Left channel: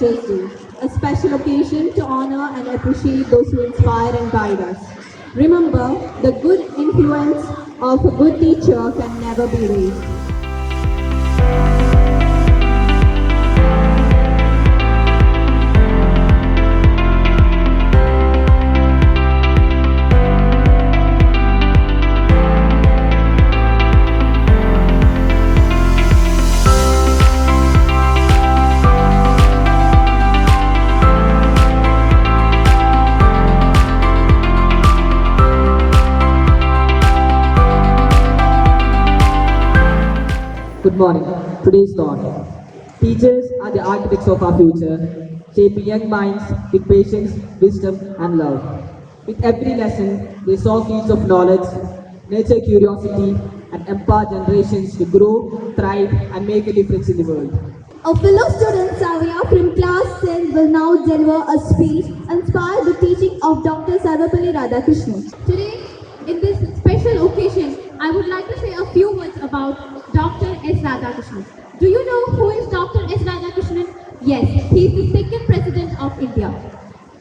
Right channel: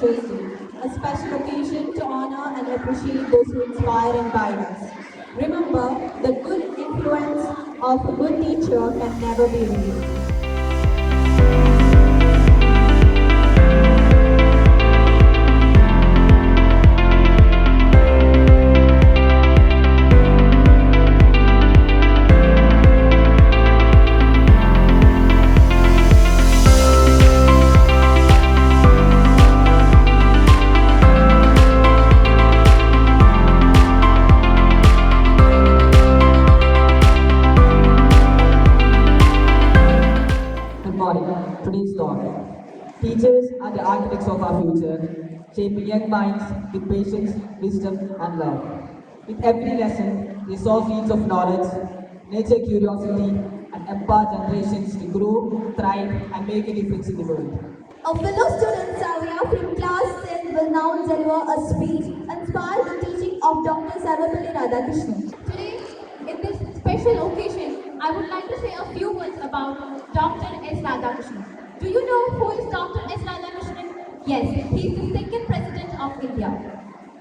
Teachers' Day, a special occasion to honor and appreciate those who inspire and guide us. Remember, the good influence of a good teacher can never be erased. Good morning. Today's thought. Teachers are the architects of our future, shaping young minds with patience, wisdom, and love. With every lesson, they sow seeds of knowledge, nurture curiosity, and empower generations to grow, thrive, and make a difference in the world. A fellow student, Savia from class 10 will now deliver a speech inspired the teaching of Dr. Sarvapalli Radhakrishnan. Today, in this special occasion, I would like to say a few words about Dr. S. Radhakrishnan. Do you know who is Dr. S. Radhakrishnan? Yes, he is the second president of India.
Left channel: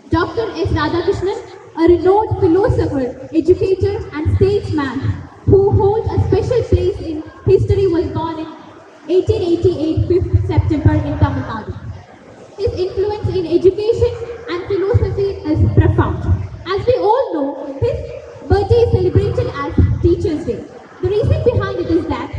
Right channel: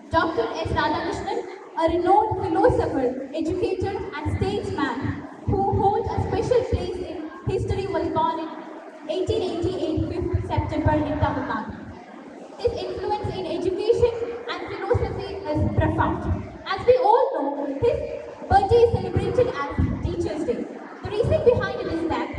Dr. S. Radhakrishnan, a renowned philosopher, educator, and statesman who holds a special place in history, was born in 1888, 5th September in Tamil Nadu. His influence in education and philosophy is profound. As we all know, his birthday is celebrated as Teachers' Day. The reason behind it is that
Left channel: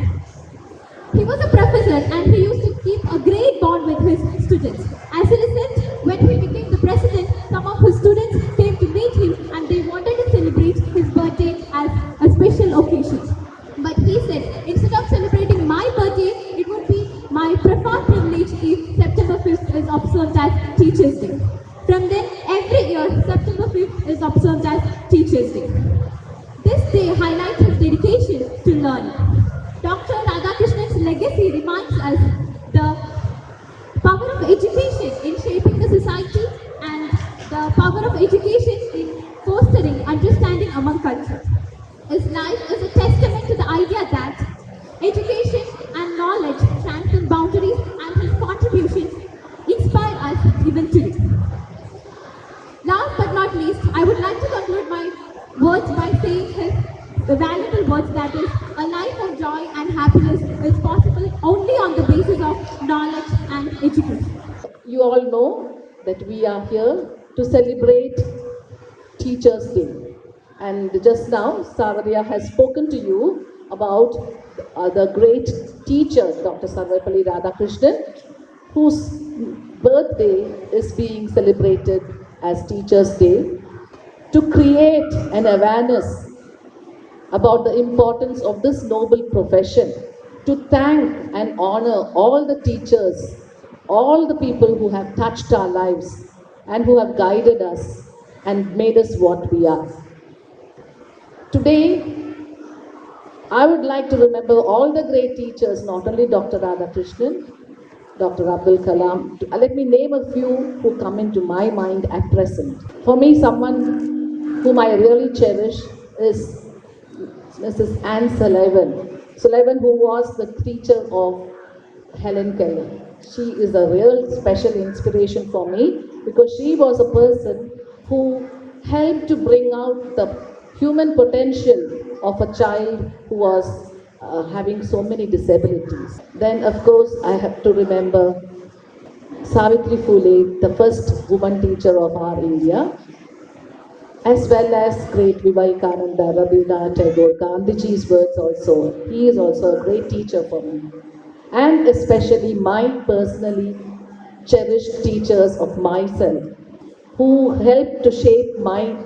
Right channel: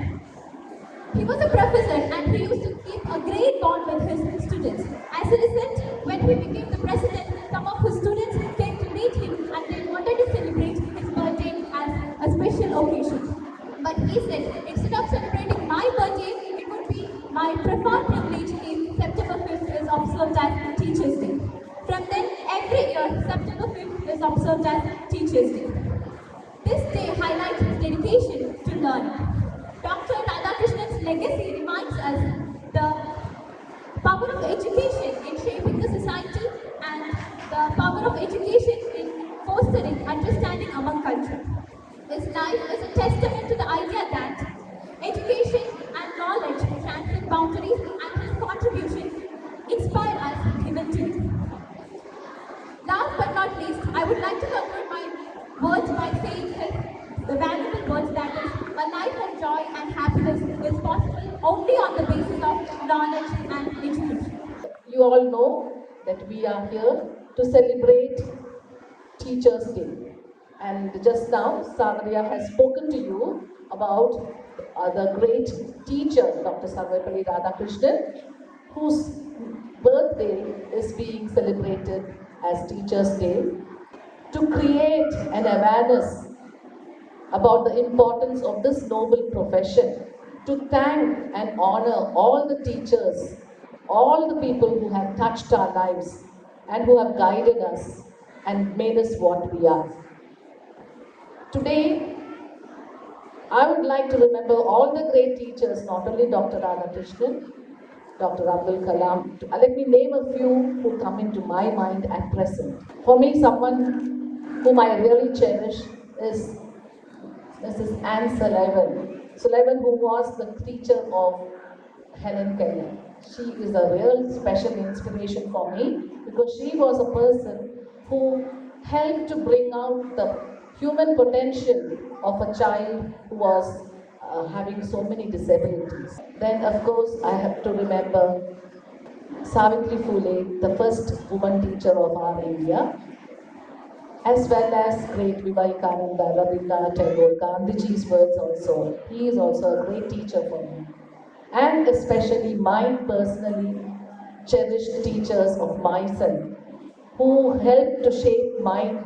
he was a professor and he used to keep a great bond with his students. As a result, when he became the president, some of his students came to meet him and they wanted to celebrate his birthday as a special occasion. But he said, instead of celebrating my birthday, it would be my profound privilege if September 5th is observed as Teachers' Day. From then, every year, September 5th is observed as Teachers' Day. This day highlights his dedication to learning. Dr. Radhakrishnan's legacy reminds us the power of education in shaping the society and the power of education in fostering understanding among cultures. His life is a testament to the idea that education and knowledge transcend boundaries, and his contributions inspire us even today. Last but not least, I would like to conclude my words by saying the valuable words, that is, a life of joy and happiness is possible only on the basis of knowledge and education. You all know that we are here to celebrate Teachers' Day. And just now, Savaria has spoken to you about the great teacher, Dr. Sarvapalli Radhakrishnan, whose birthday is being celebrated as Teachers' Day, to create an awareness about the importance of this noble profession, to thank and honor all the teachers, all the people who have touched our lives and who have guided us and made us what we are. Today, I would like to remember all the great teachers, not only Dr. Radhakrishnan, Dr. Abdul Kalam. Let me name a few who come into my mind at present. For me, someone whom I really cherish is Mrs. Anne Sullivan. Sullivan, who was the teacher of Helen Keller. She is a real special inspiration for me because she was a person who helped to bring out the human potential of a child who was having so many disabilities. Then, of course, I have to remember Savitri Phule, the first woman teacher of our India, as well as great Vivekananda, Rabindranath Tagore, Gandhiji's words also. He is also a great teacher for me. And especially my personally cherished teachers of myself, who helped to shape my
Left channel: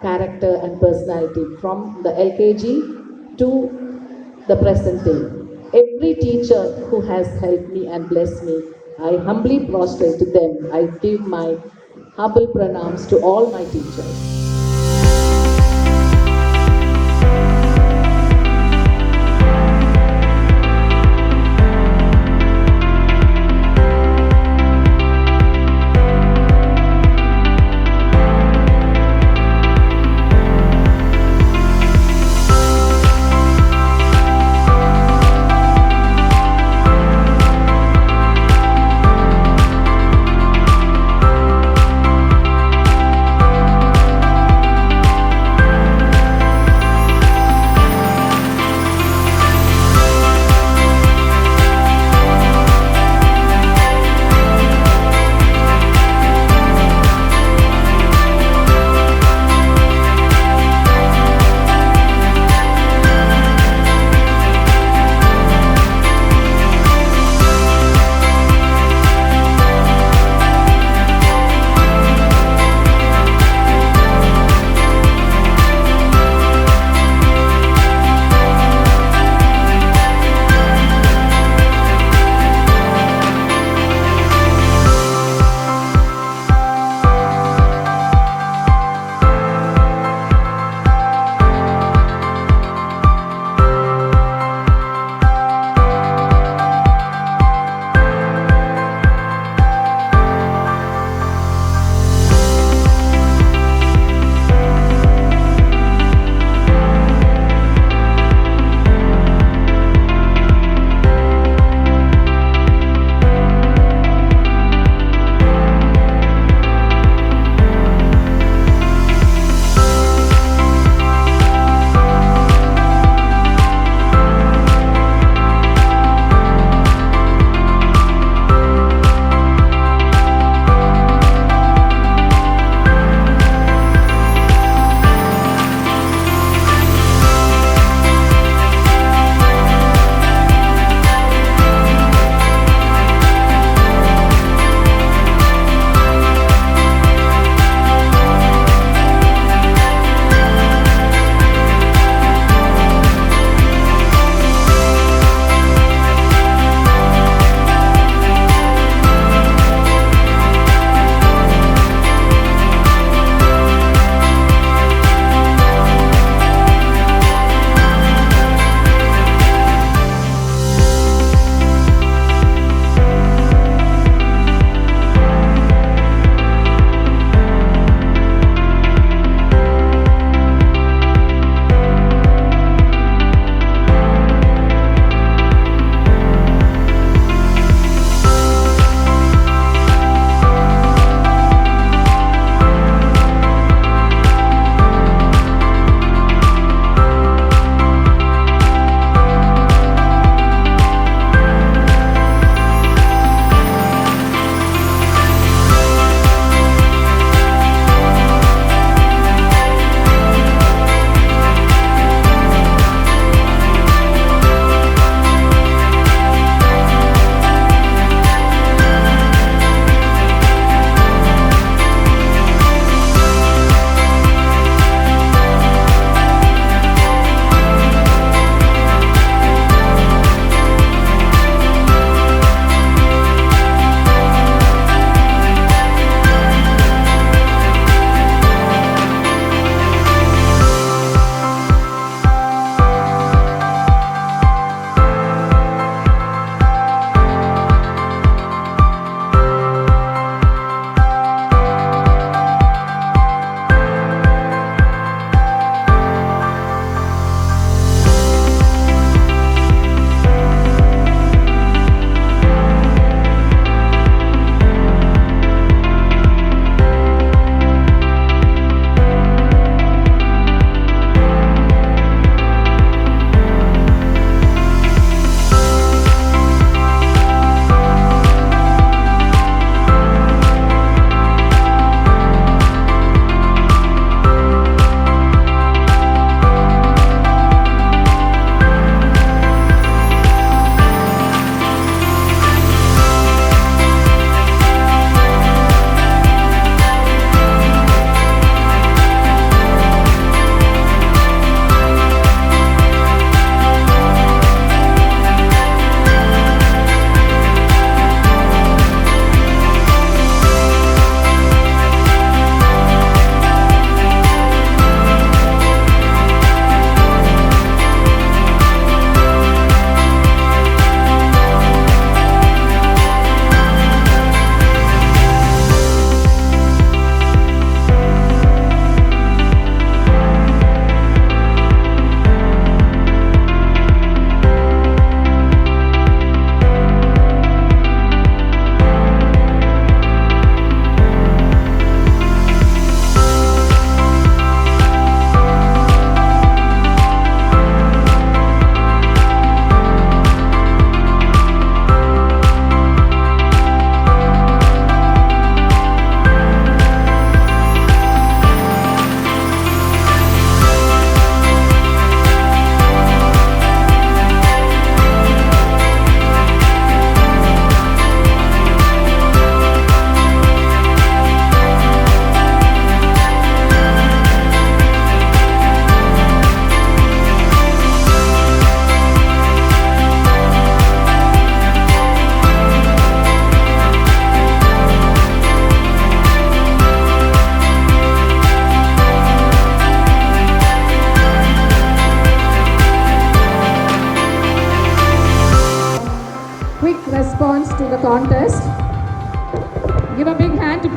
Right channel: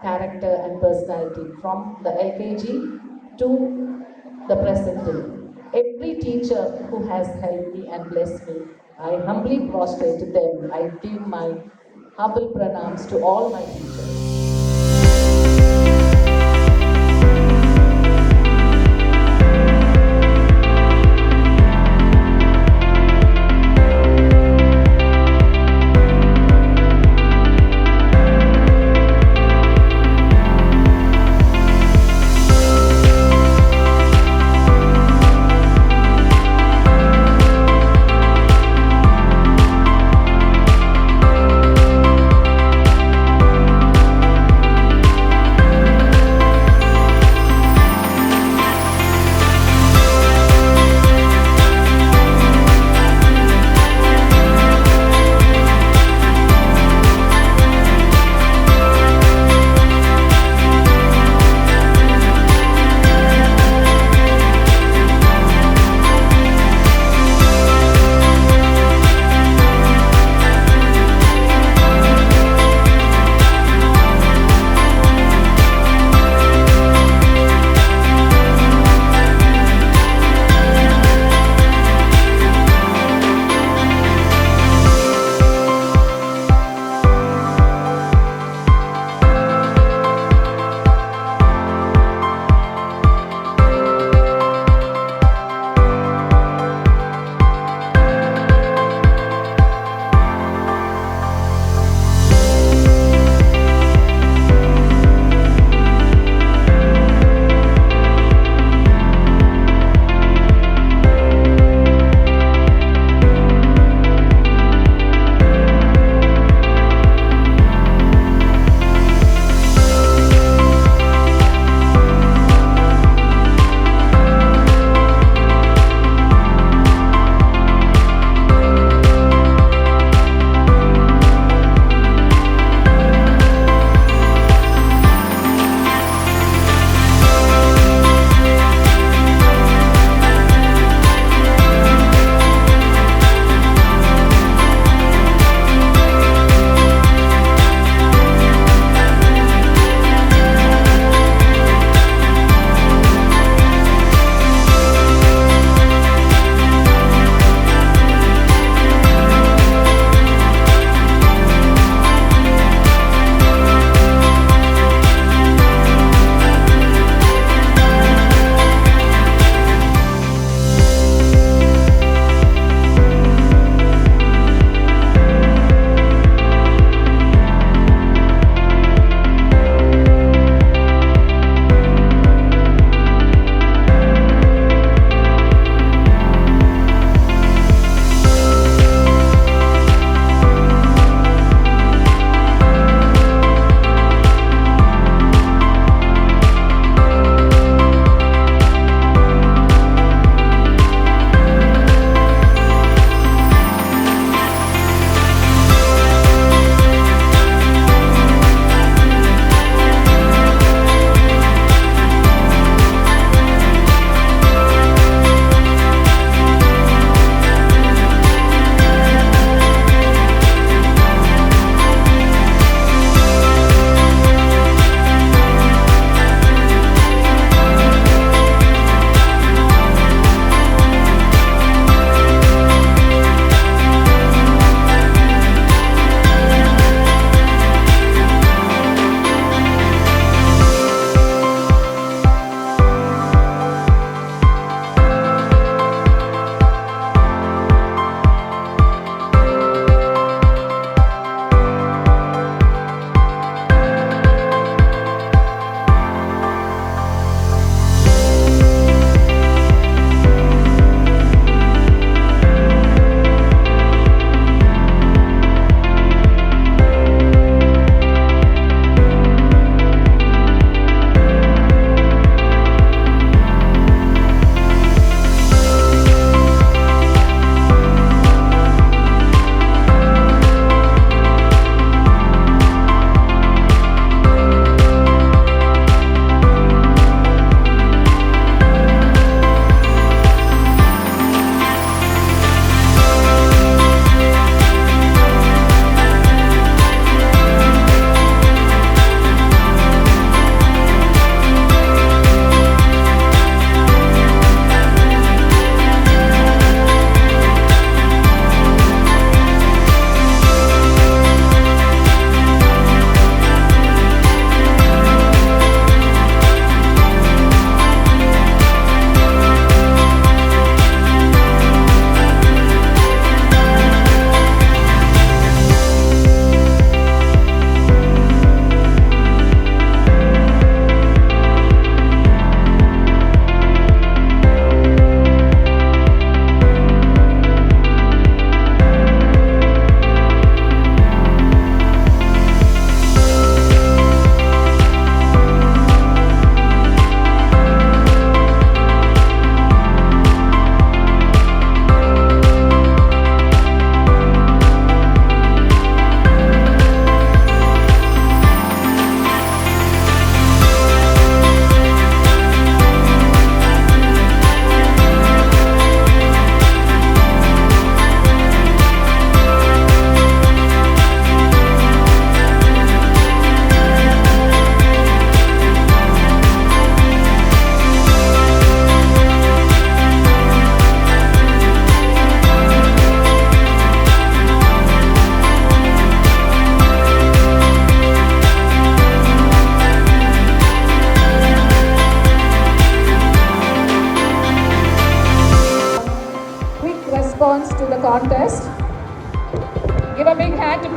character and personality from the LKG to the present day. Every teacher who has helped me and blessed me, I humbly prostrate to them. I give my humble pranams to all my teachers.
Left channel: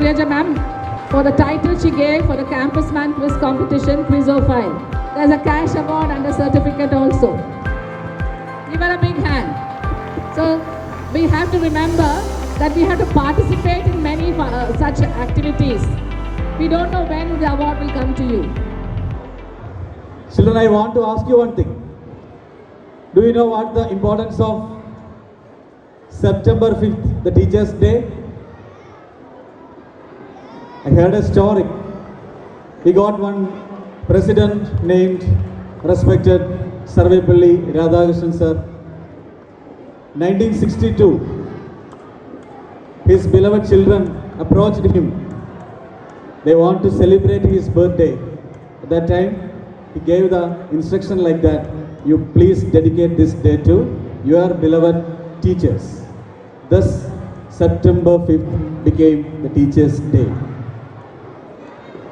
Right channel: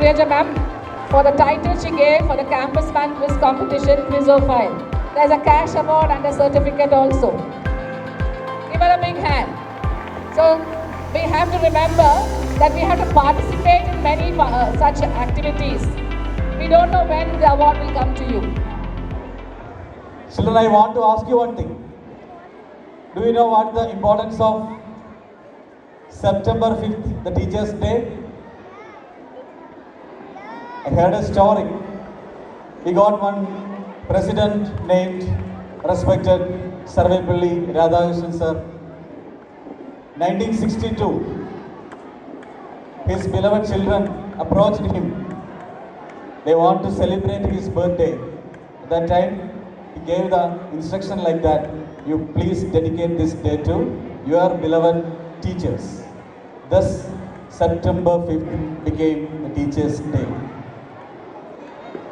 congratulate ma'am for the title she gave for the Campus Man Quiz Competition Quizophile. There's a cash award and a certificate also. Give her a big hand. So we have to remember that we have to participate in many such activities. We don't know when the award will come to you. Children, I want to ask you one thing. Do you know what the importance of September 5th, the Teachers' Day? I heard a story. We got one president named respected Sarvepalli Radhakrishnan sir. 1962, his beloved children approached him. They want to celebrate his birthday. At that time, he gave the instruction like that: you please dedicate this day to your beloved teachers. Thus, September 5th became the Teachers' Day.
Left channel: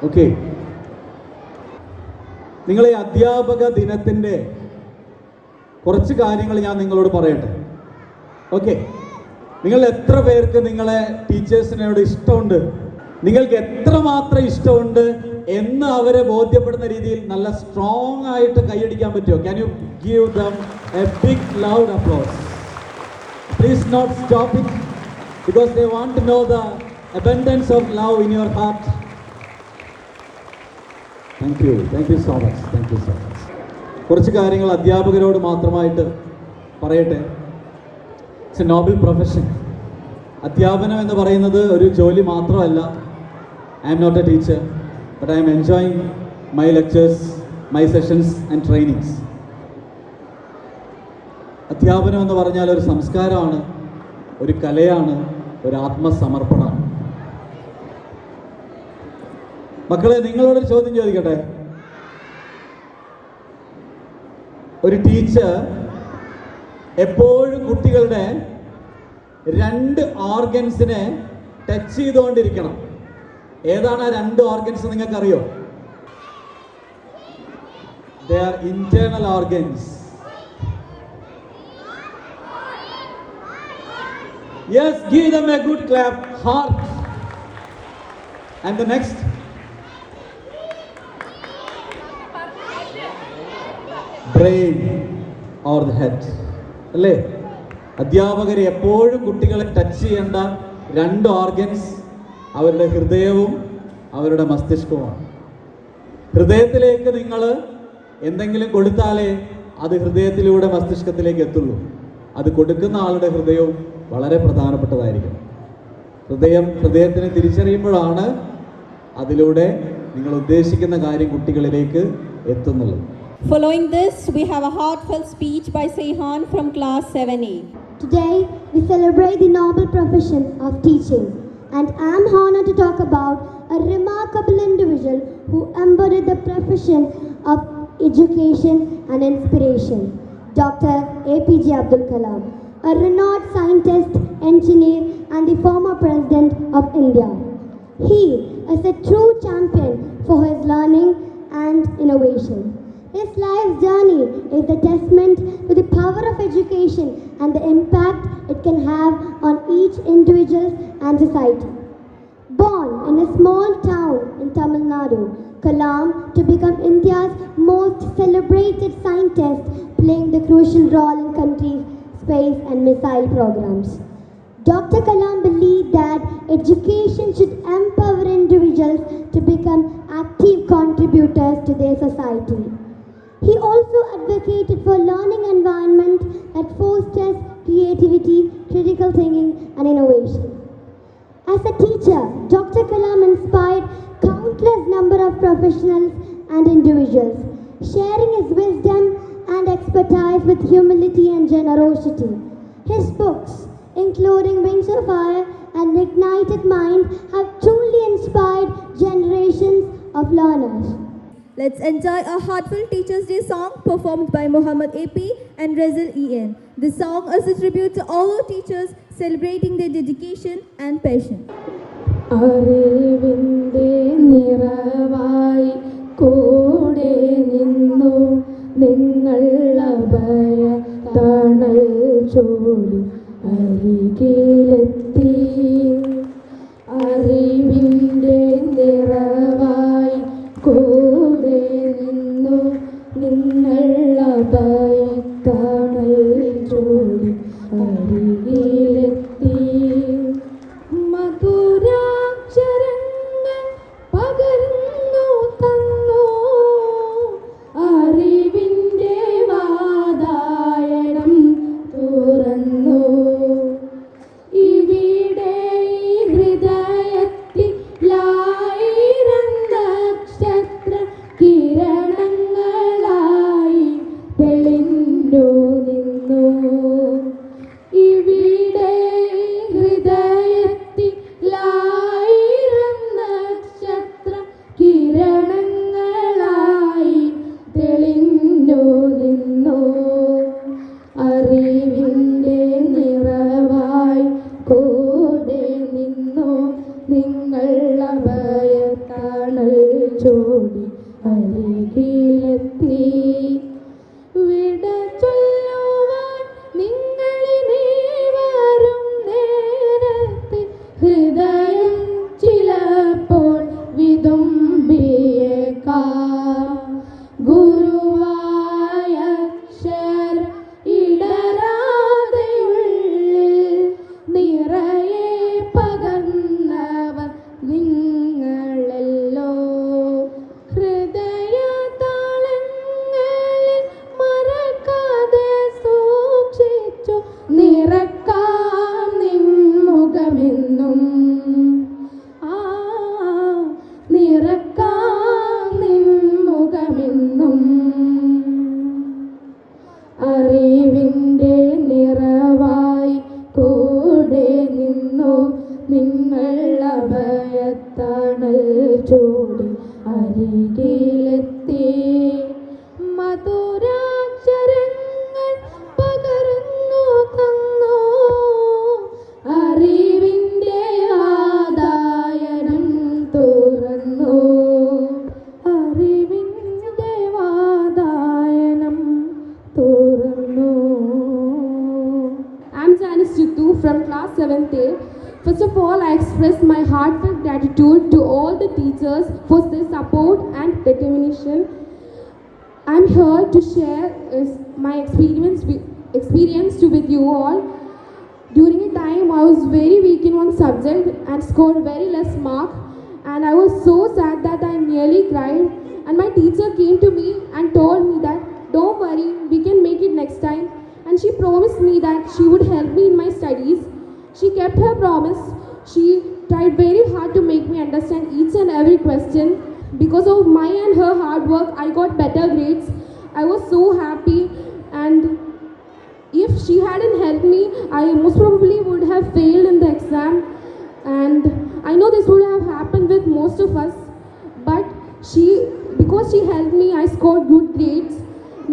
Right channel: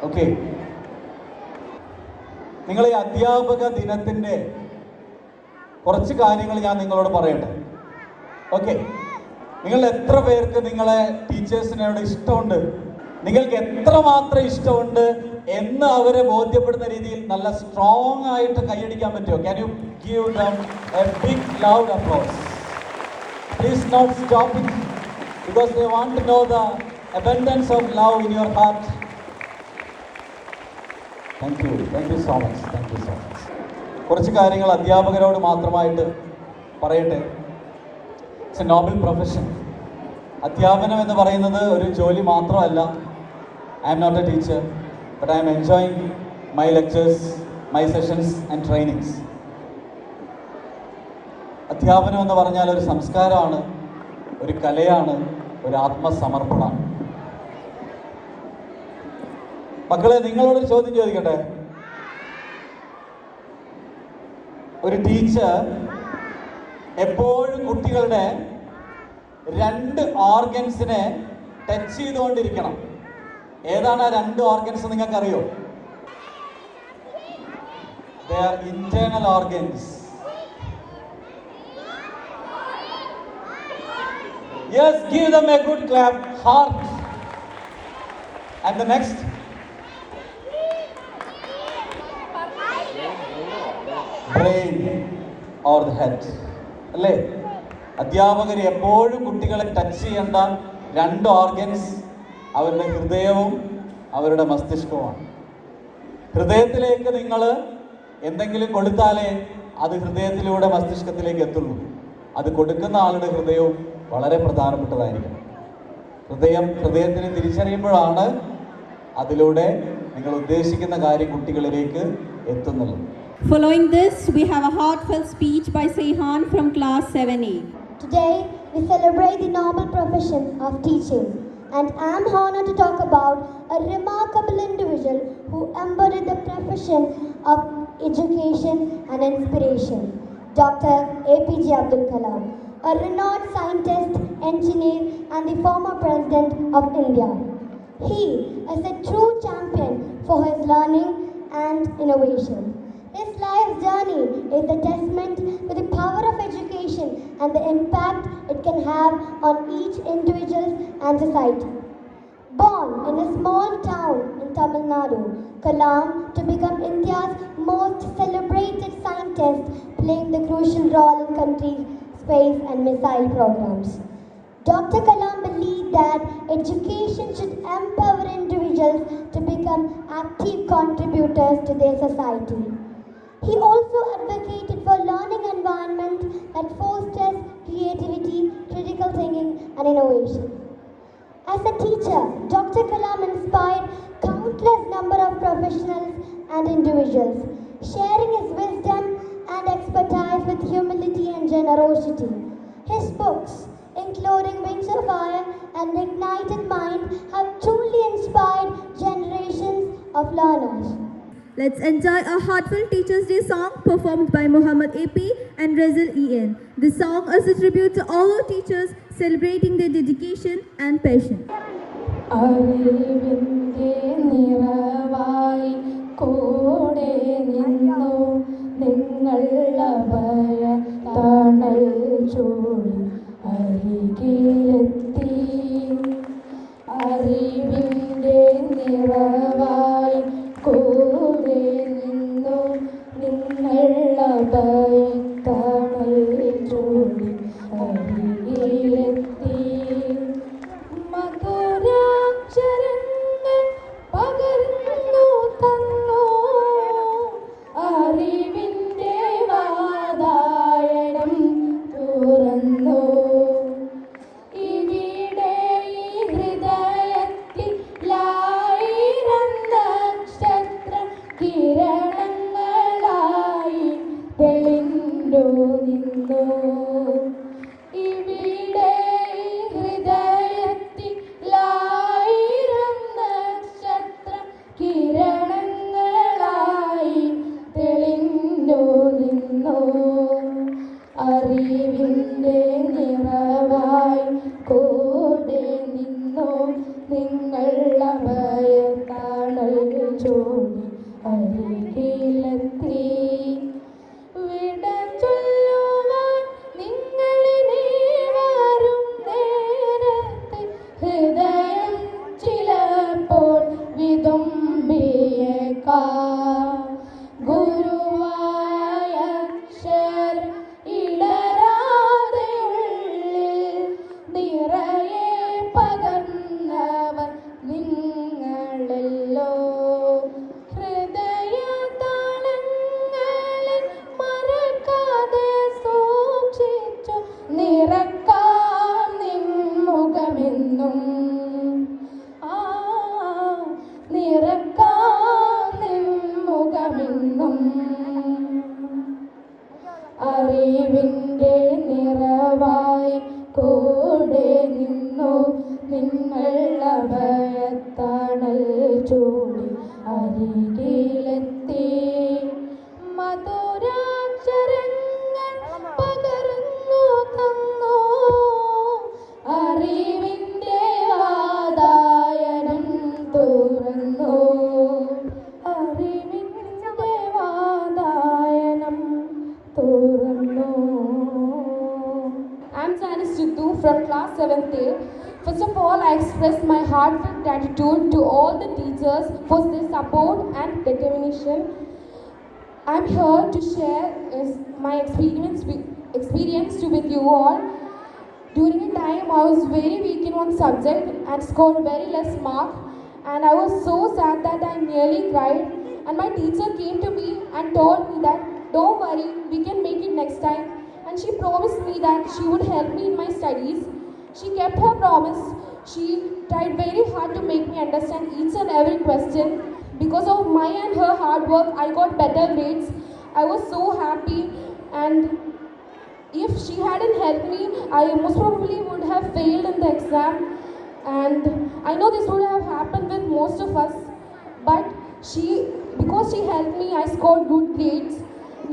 Okay. നിങ്ങൾ ഈ അധ്യാപക ദിനത്തിൻ്റെ കുറച്ച് കാര്യങ്ങൾ ഞാൻ നിങ്ങളോട് പറയട്ടെ. Okay, നിങ്ങൾ എത്ര പേർക്ക് നിങ്ങളെ ടീച്ചേഴ്സിനോട് ഇഷ്ടമുണ്ട്, നിങ്ങൾക്ക് എത്രമാത്രം ഇഷ്ടമുണ്ട് എന്ന് അവരെ ബോധ്യപ്പെടുന്ന രീതിയിൽ നല്ല സ്ട്രോങ് ആയിട്ട് കൈയടിക്കാൻ പറ്റുമോ? Can you give them a big loud applause? Please not stop it, because they want to know ദ abundance of love in your heart. Thank you so much. കുറച്ച് കാര്യങ്ങൾ അധ്യാപകരോട് മാത്രമായിട്ട് പറയട്ടെ. It's a noble profession. അധ്യാപനം എന്ന് പറയുന്നത് ഒരു ജോലി മാത്രമല്ല. I'm not a teacher, but I'm enjoying my lectures, my sessions and trainings. അധ്യാപനം എന്ന് പറഞ്ഞാൽ ഒരു സംസ്കാരമാണ്, ഒരു കലയാണ്, ഒരു ആത്മസമർപ്പണമാണ്. മക്കളെ, നിങ്ങളോടൊരു ചോദ്യം ചോദിക്കട്ടെ. ഒരു ടീച്ചർ എപ്പോഴും കുട്ടികളുടെ 2 ഓർഗൻസിനെ ടച്ച് ചെയ്തുകൊണ്ടിരിക്കണം. ഏതാണ് ആ 2 ഓർഗൻസ് നിങ്ങൾക്കറിയോ? They are internal organs. Yes, give them a good clap. Heart. And the next. Brain or the head. അല്ലേ? അധ്യാപകർ എപ്പോഴും കുട്ടികളെ ടച്ച് ചെയ്യേണ്ട 2 ഓർഗൻസ് അവരുടെ ഹൃദയവും അവരുടെ മസ്തിഷ്കവുമാണ്. ഹൃദയത്തിലേക്ക് നിങ്ങൾ എന്തെങ്കിലും കൊടുത്താലേ അത് ഹൃദയത്തിലൂടെ മസ്തിഷ്കത്തിലേക്ക് എത്തുള്ളൂ. അത് കൊടുക്കുന്ന ആളുടെ ഹൃദയവും വളരെ പ്രധാനപ്പെട്ടതായിരിക്കും. ഹൃദയത്തിനെ തിരിച്ചറിയുമ്പോഴാണ് അതിലൂടെ നിങ്ങൾ ഉദ്ദേശിക്കുന്ന കാര്യം കുട്ടികളിലേക്ക് എത്തുന്നത്. Following this, we have a heartfelt speech by Seyhan from class 7A. Today, we celebrate the noble profession of teaching, and I am honored to talk about a remarkable individual who embodied the profession of education and inspiration, Dr. APJ Abdul Kalam, a renowned scientist, engineer, and the former president of India. He is a true champion for his learning and innovation. His life's journey is a testament to the power of education and the impact it can have on each individual and society. Born in a small town in Tamil Nadu, Kalam to become India's most celebrated scientist, playing the crucial role in country's space and missile programs. Dr. Kalam believed that education should empower individuals to become active contributors to their society. He also advocated for learning environment that fosters creativity, critical thinking, and innovation. As a teacher, Dr. Kalam inspired countless number of professionals and individuals, sharing his wisdom and expertise with humility and generosity. His books, including Wings of Fire and Ignited Mind, have truly inspired generations of learners. Let's enjoy a heartfelt Teachers' Day song performed by Muhammad AP and Rezil EN. This song is a tribute to all our teachers celebrating their dedication and passion. അറിവിൻ്റെ നിറവായി കൂടെ നിന്നു നിങ്ങൾ അഭയ തണൽ ചൂടി അരികിലെത്തി അറിവിൻ അഭയത്താണൽ ചൂടി അരികിലെത്തി. വിട ചൊല്ലുവാൻ നിങ്ങളിനി വരും നേരത്തെ ഹൃദയം ചിലപ്പോൾ വിതുമ്പിയേക്കാം. ഗുരുവായ അക്ഷരം ഇടരാതെ ഉള്ളിൽ നിറയെ പകർന്നവർ നിങ്ങളല്ലോ. ഹൃദയതാളങ്ങളിൽ മറക്കാതെ സൂക്ഷിച്ചു നിറക്കാം നിൻ മുഖമെന്നും. നിറക്കാം നിൻ മുഖമെന്നും. അറിവിൻ്റെ നിറവായി കൂടെ നിന്നു നിങ്ങൾ അഭയത്താണൽ ചൂടി അരികിലെത്തി. മധുരാക്ഷരങ്ങൾ പകർന്നു തന്നു. അറിവിൻ്റെ വാതായനം തുറന്നു. അറിവിൻ്റെ വാതായനം തുറന്നു. I'm Janice Jittu from class 7th A. First of all, I express my heartfelt gratitude to all the teachers for their support and determination. I'm here to share my experience with you all. During a time I was very weak in one subject and scored very less mark, and I was so sad that I nearly cried, and my teacher came to me and told me that don't worry, we can make it next time, and she promised me that she would help me in my studies. She kept her promise. She tried very hard to make me understand each and every question. Because of my and her hard work, I got better grades. I was so happy, and if she hadn't helped me, I most probably would have failed in the exam. And I know this would have happened with most of us, but because she helped me, I scored good grades.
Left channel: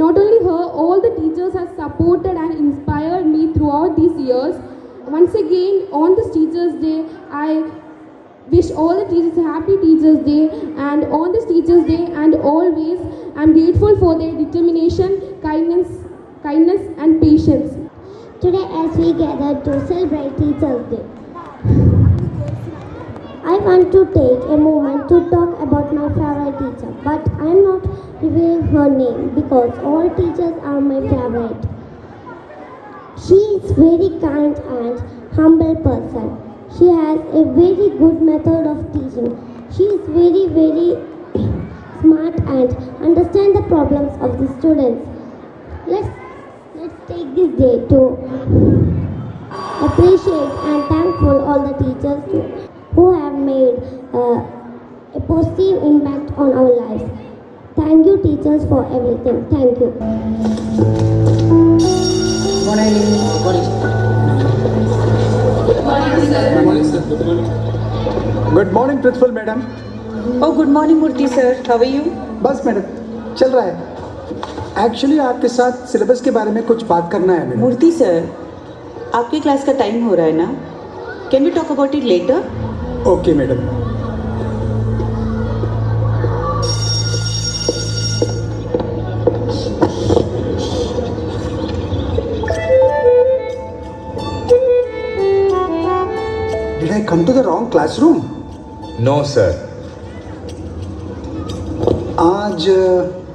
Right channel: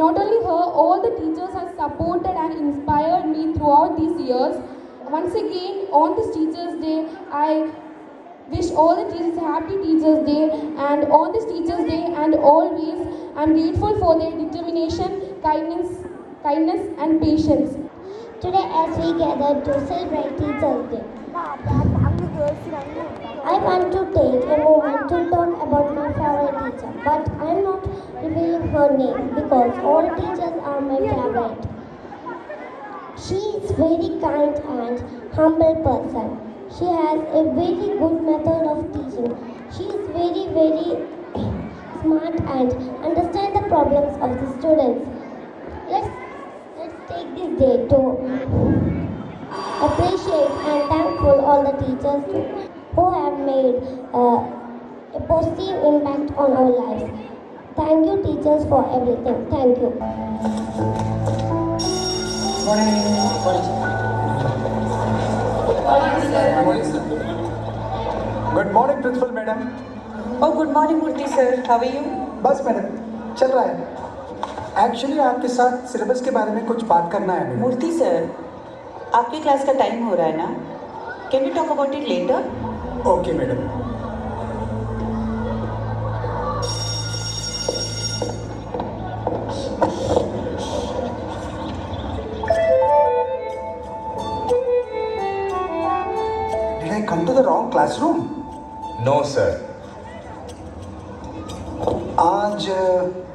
Not only her, all the teachers have supported and inspired me throughout these years. Once again, on this Teachers' Day, I wish all the teachers a happy Teachers' Day, and on this Teachers' Day and always, I'm grateful for their determination, kindness and patience. Today, as we gather to celebrate Teachers' Day, I want to take a moment to talk about my favorite teacher, but I am not revealing her name because all teachers are my favorite. She is very kind and humble person. She has a very good method of teaching. She is very, very smart and understand the problems of the students. Let's take this day to appreciate and thankful all the teachers who have made a positive impact on our lives. Thank you, teachers, for everything. Thank you. Good morning principal madam. Oh, good morning, Murthy sir. How are you? बस madam चल रहा है. Actually आपके साथ syllabus के बारे में कुछ बात करना है मैडम. Murthy sir, आपके क्लास का टाइम हो रहा है ना? Can we talk about it later? Okay madam. Did I come to the wrong classroom? No, sir. आज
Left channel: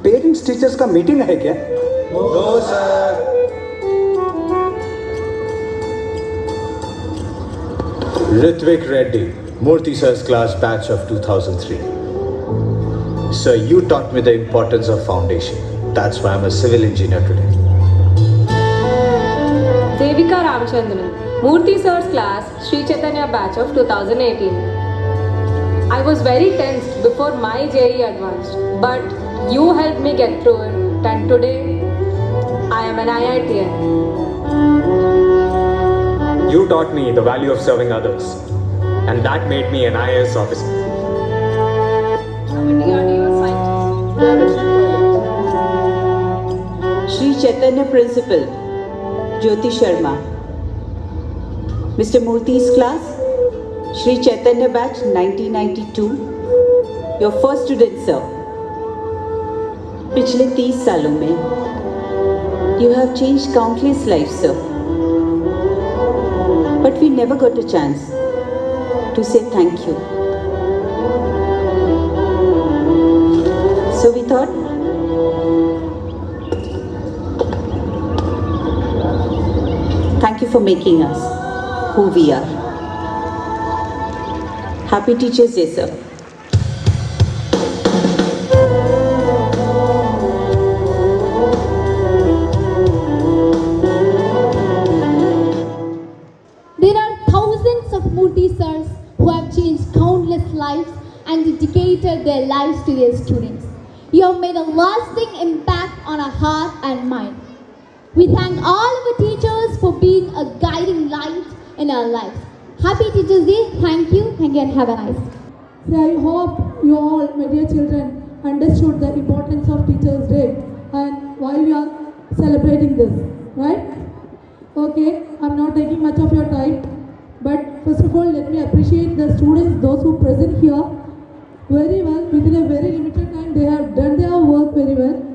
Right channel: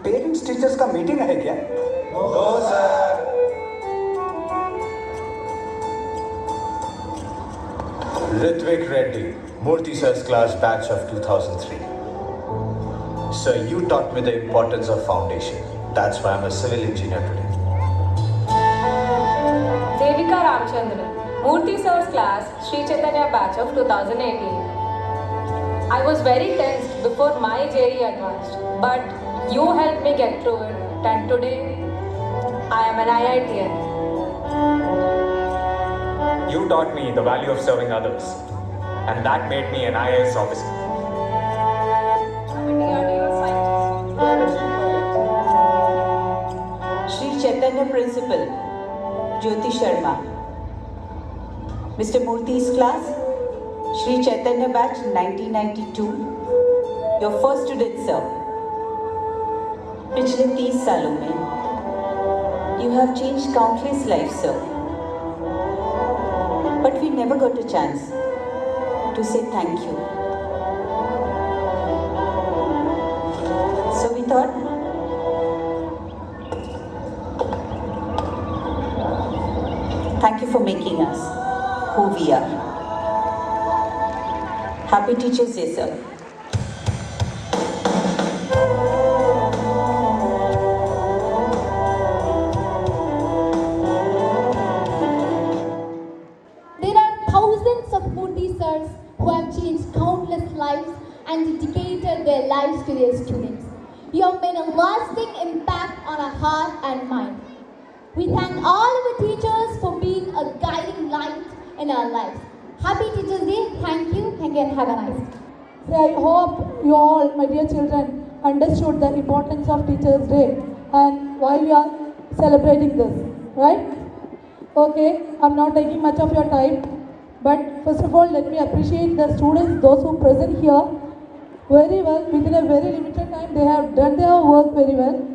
पेरेंट्स टीचर्स का मीटिंग है क्या? No, sir. Ritvik Reddy, Murthy sir's class batch of 2003. Sir, you taught me the importance of foundation. That's why I'm a civil engineer today. Devika Ramchandran, Murthy sir's class, Sri Chaitanya batch of 2018. I was very tensed before my JEE advanced, but you helped me get through it, and today I am an IITian. You taught me the value of serving others, and that made me an IAS officer. Sri Chaitanya Principal, Jyoti Sharma. Mr. Murthy's class, Shri Chaitanya Batch 1992, your first student, sir. पिछले 30 सालों में you have changed countless lives, sir. But we never got a chance to say thank you. So we thought, thank you for making us who we are. Happy Teachers Day, sir. There are thousands of Murthy sirs who have changed countless lives and dedicated their lives to their students. You have made a lasting impact on our heart and mind. We thank all of the teachers for being a guiding light in our lives. Happy Teachers Day. Thank you and have a nice day. So I hope you all, my dear children, understood the importance of Teachers' Day and why we are celebrating this, right? Okay, I'm not taking much of your time, but first of all, let me appreciate the students, those who present here very well. Within a very limited time, they have done their work very well.